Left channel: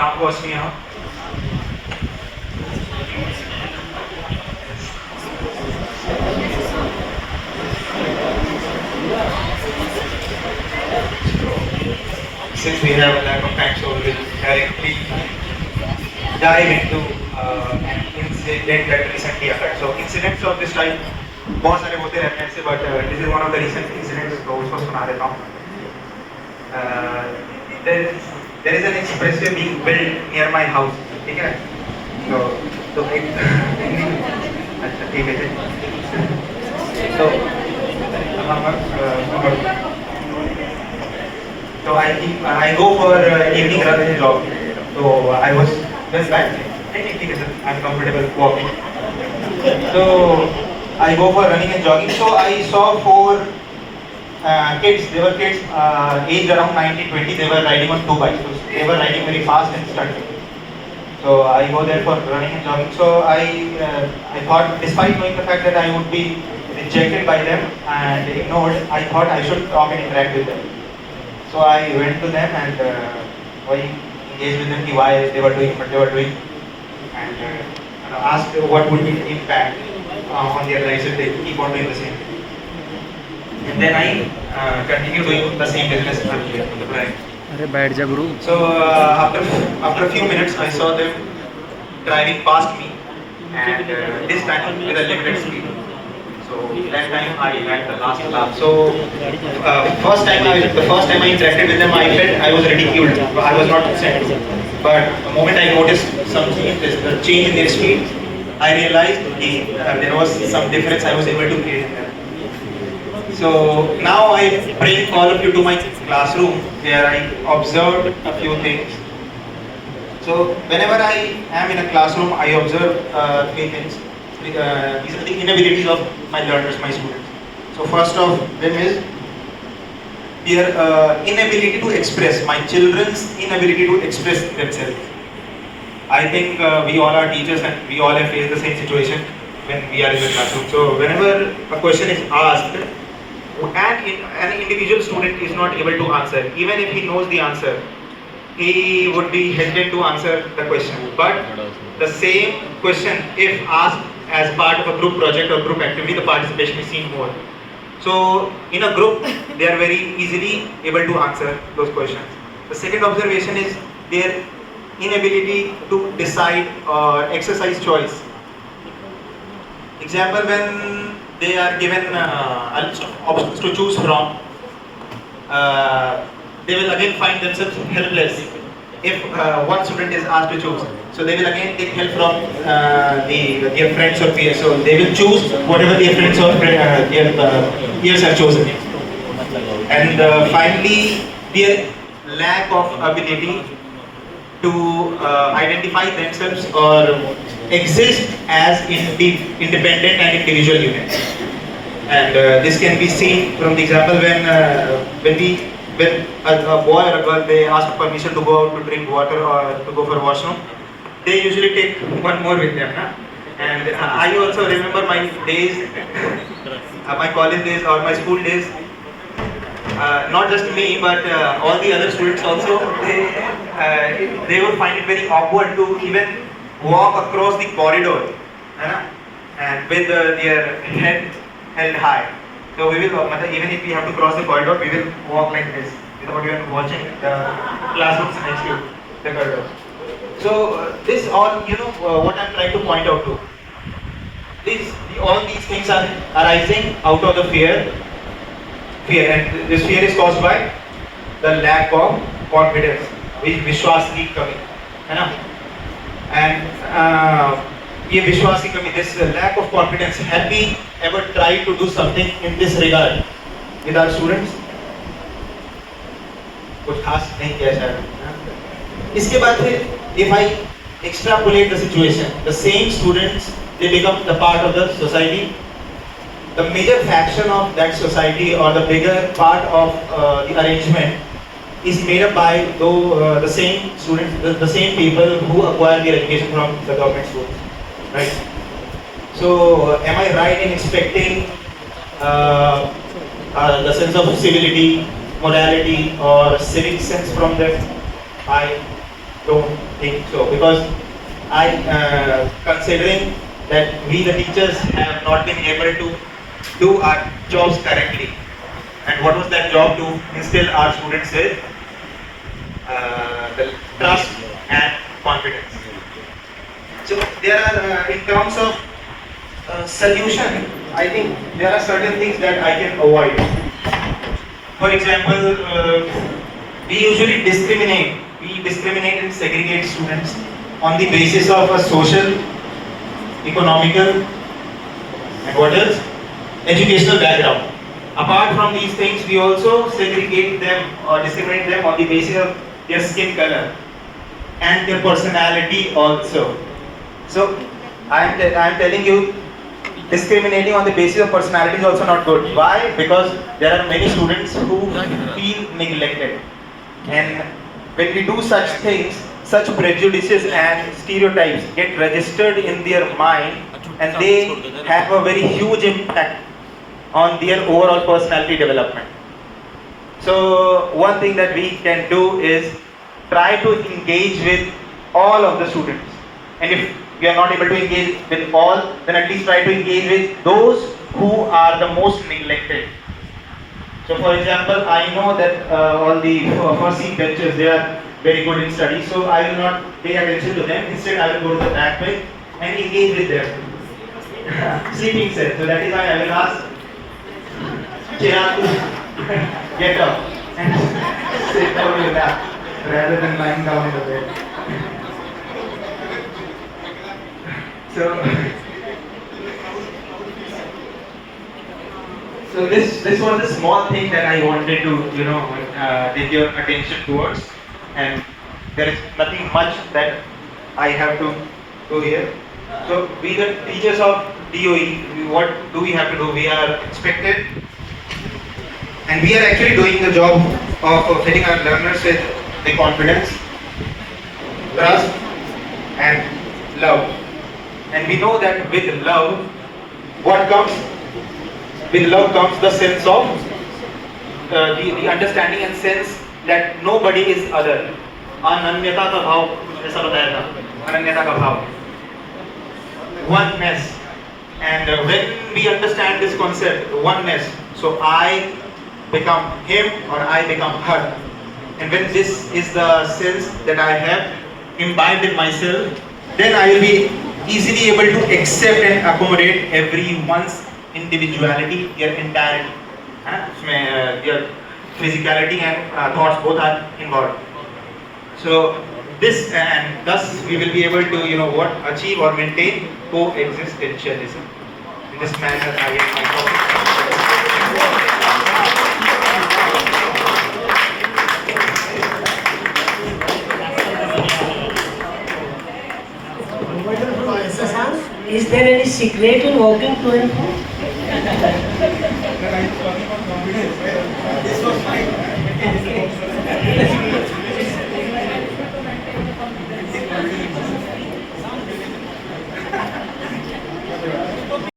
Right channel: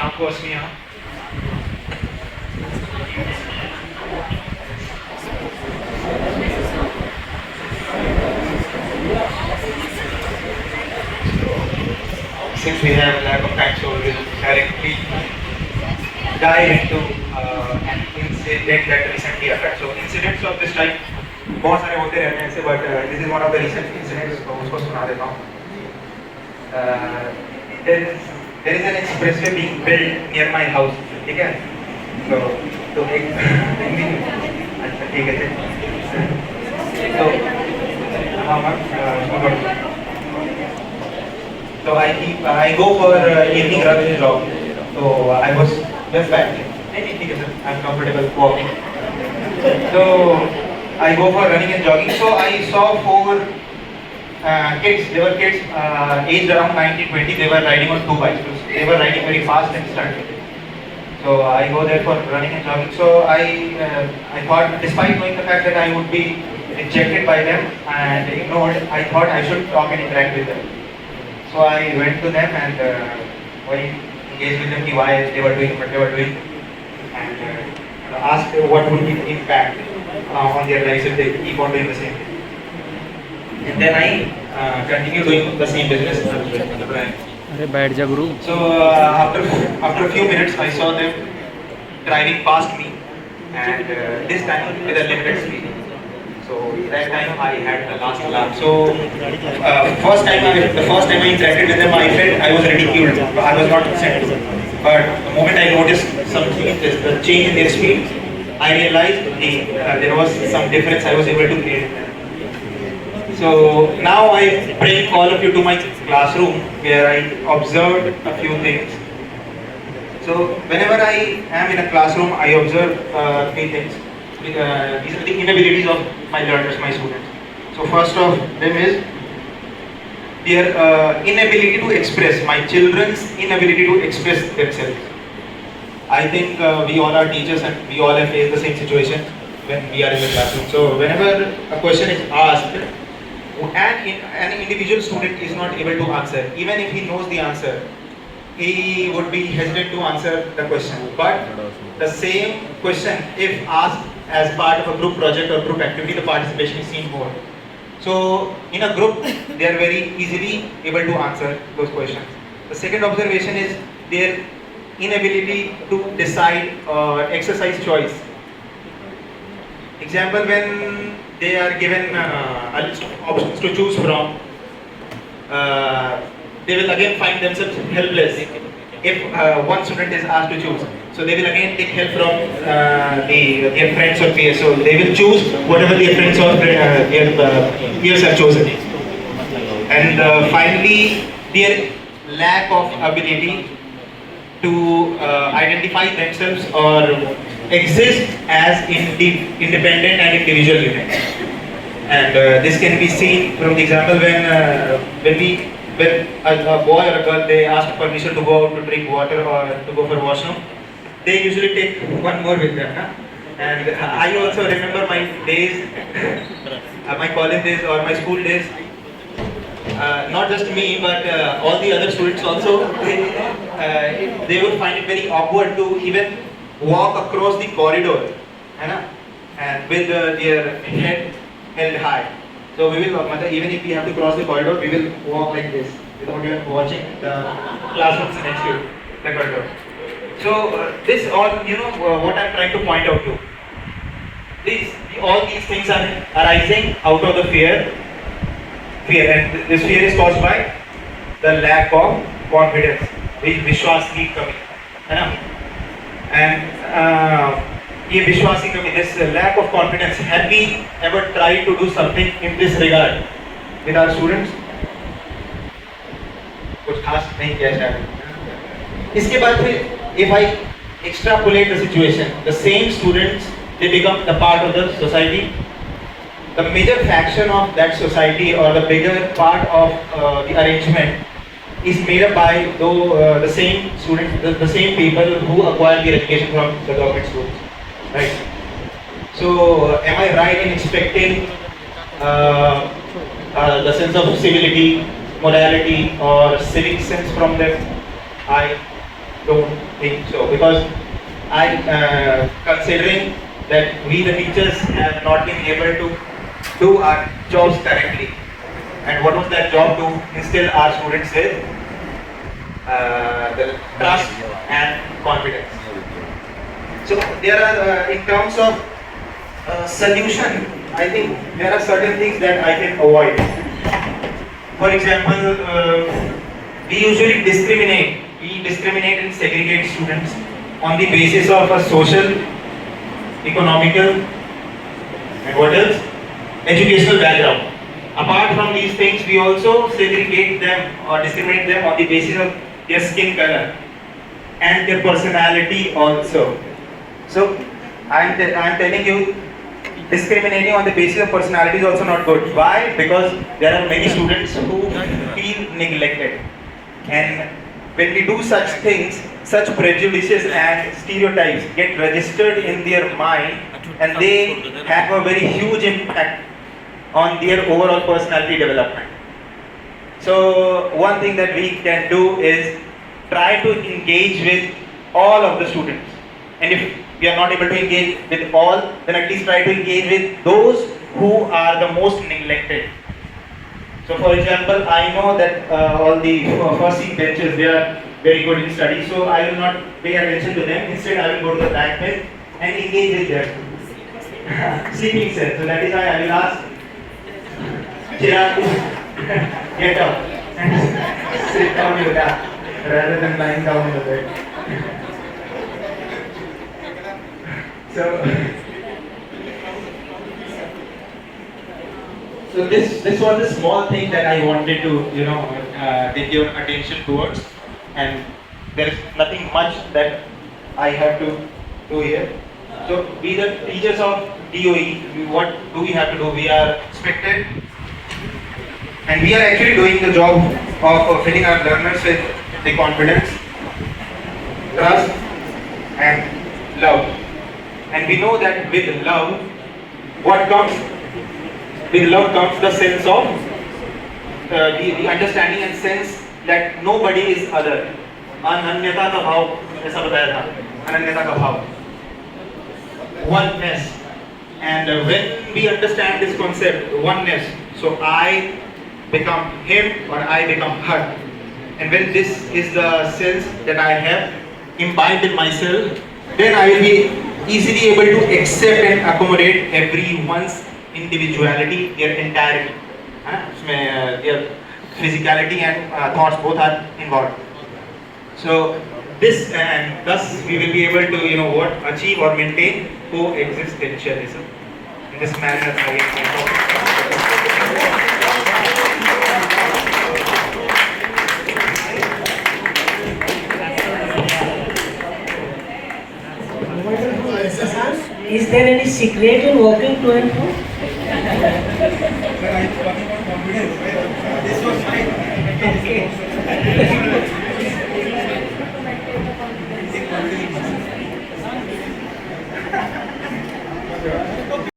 शाम को असली यहाँ since we have a lack of time, so we will directly dive into an incident that recently occurred. So incidents of this type बहुत सारे होते रहते हैं ऐसे, but this is one of the recent incidents, तो उसको सुना देता हूँ. There is an expressway being built near my house, ठीक है? तो एक अच्छा ठीक है तो So I go for evening run and jog. So I was just back. I'm comfortable walking. So I go for running and jogging. So I saw 4 kids. They were kids aged around 19-20. They were riding on 2 bikes. They were riding very fast and stunting. So I go there for running and jogging. So I thought, despite knowing the fact that I would be rejected by them and ignored, I thought I should talk and interact with them. So I went to them and I engaged with them why they were doing what they were doing, and asked what would be the impact on their lives if they keep on doing the same thing. And then I continue doing the same business. अरे बैठ जा गुरु. So after a few minutes, I saw them driving past me, and this time with a limited speed. So that time I had the last laugh. So the first time I interacted with them, I felt I was ridiculed. I was not upset. But the moment I noticed something, the change in their speed, I realized there was some difference I was able to create. So now I bring all of you to my classroom where I observed a few things. So whenever I am in a classroom, I observe 3 things. These are the inabilities of my learners, my students. So first of them is their inability to express, my children's inability to express themselves. I think we all are teachers and we all have faced the same situation when we are in the classroom. So whenever a question is asked and an individual student is not able to answer, even if he knows the answer, he would be hesitant to answer the question. But the same question, if asked as part of a group project or group activity, the participation is seen more. So in a group, they are very easily able to answer those questions. The second observation is their inability to decide or exercise choice. Example, when they are given a list of options to choose from, they will again find themselves helpless if one student is asked to choose. So they will again take help from their friends or peers. So they will choose whatever their friends or their peers have chosen. And finally, their lack of ability to identify themselves or exist as independent and individual units. And this can be seen from the example when a boy or a girl, they ask permission to go out to drink water or to go for washroom, they usually take one more with them. Huh? And I also remember my days, my college days or my school days, not just me but all the other students also, they would find it very awkward to even walk across the corridor and with their head held high. So we will, even if we have to cross the corridor, we will walk like this without even watching the classrooms next to the corridor. So this all, what I am trying to point out to. All these things are arising out of the fear, and this fear is caused by the lack of confidence, which Vishwas keep coming, and this lack of confidence. Have we ever tried to do something in this regard with our students? कुछ खास नहीं किया शायद. इसके बाद फिर, if I extrapolate the situation, the same students, they become the part of the society. The major faction of that society or the bigger part of the arrangement is made up by the same students, the same people who acquire their education from the government schools. Right. So, am I right in expecting the sense of civility, morality, or civic sense from them? I don't think so, because I considering that we the teachers have not been able to do our jobs correctly. And what was that job? To instill our students with the trust and confidence. So there are, in terms of solution, I think there are certain things that I can avoid. For example, we usually discriminate. We discriminate and segregate students on the basis of a social, economical, and what else? Educational background. Apart from these things, we also segregate them or discriminate them on the basis of their skin color and their personality also. So, I am telling you, discriminating on the basis of personality is also not good. Why? Because there are many students who feel neglected. And when we do such things, such prejudices and stereotypes get registered in their mind, and they have a very huge impact on their overall personality development. So one thing that we can do is try to engage with all of the students. And if we are not able to engage with all, then at least try to engage with those who are the most neglected. So for example, I know that all the first seat benches, they are very good in study, so I will not pay attention to them. Instead, I will go to the back bench and engage with them. Sleeping set. So that is why I will ask Chirag to get up and sit down in the back rather than lying down in the bed. So this was a small thing that I wanted to get your attention towards, and there is nothing much that I have to do here. So we the teachers of DOE, what do we have to do? We are expected, and we are actually doing the job of filling our learners with the confidence, trust, and love. And we know that with love, what comes? With love comes the sense of the understanding and sense that nobody is other. Ananyata ka bhav, ऐसा बताया था. Ananyata ka bhav. Oneness. And when we understand this concept, oneness, so I become him or I become her. And when this is the sense that I have imbibed in myself, then I will be easily able to accept and accommodate everyone's individuality, their entirety. Their physicality and thoughts both are involved. So this, and thus we will be able to achieve or maintain coexistentialism. In this manner I get my topic. Is there any secret in walking to and fro? This was fine.